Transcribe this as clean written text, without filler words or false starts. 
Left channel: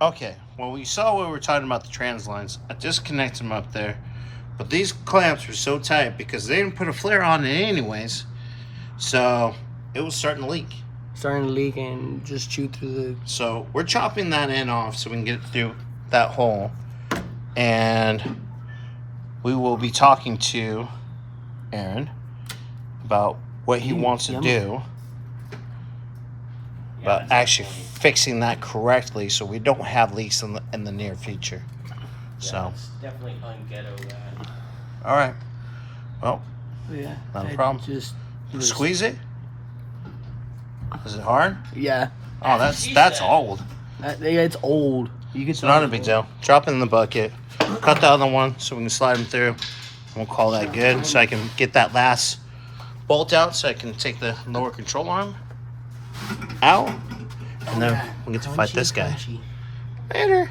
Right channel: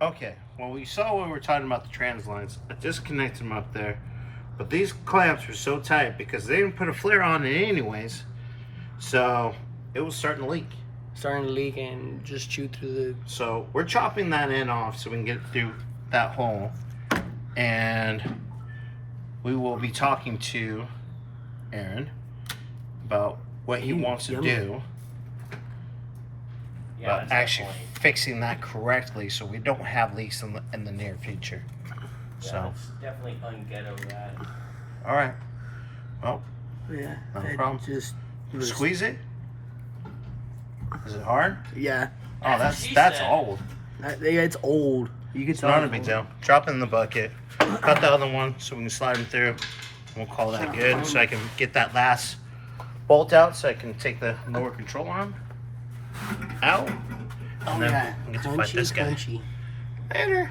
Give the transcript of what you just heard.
Okay, well, we saw when we were talking about the trans lines. I just connected them up there. But these clamps were so tight because they didn't put a flare on it anyways. So it was starting to leak. Starting to leak and just chew through the... So we're chopping that end off so we can get through that hole. And we will be talking to Aaron about what he wants to do. But actually fixing that correctly so we don't have leaks in the near future. Yeah, So it's definitely unghetto that. all right. Well, Yeah. not a problem. Just squeeze it. Is it hard? Yeah. Oh, that's old. Yeah, it's old. You can It's not a big deal. Drop it in the bucket. Cut the other one so we can slide them through. We'll call that good. So I can get that last bolt out so I can take the lower control arm out. And then we get to fight this guy. Punchy. Later.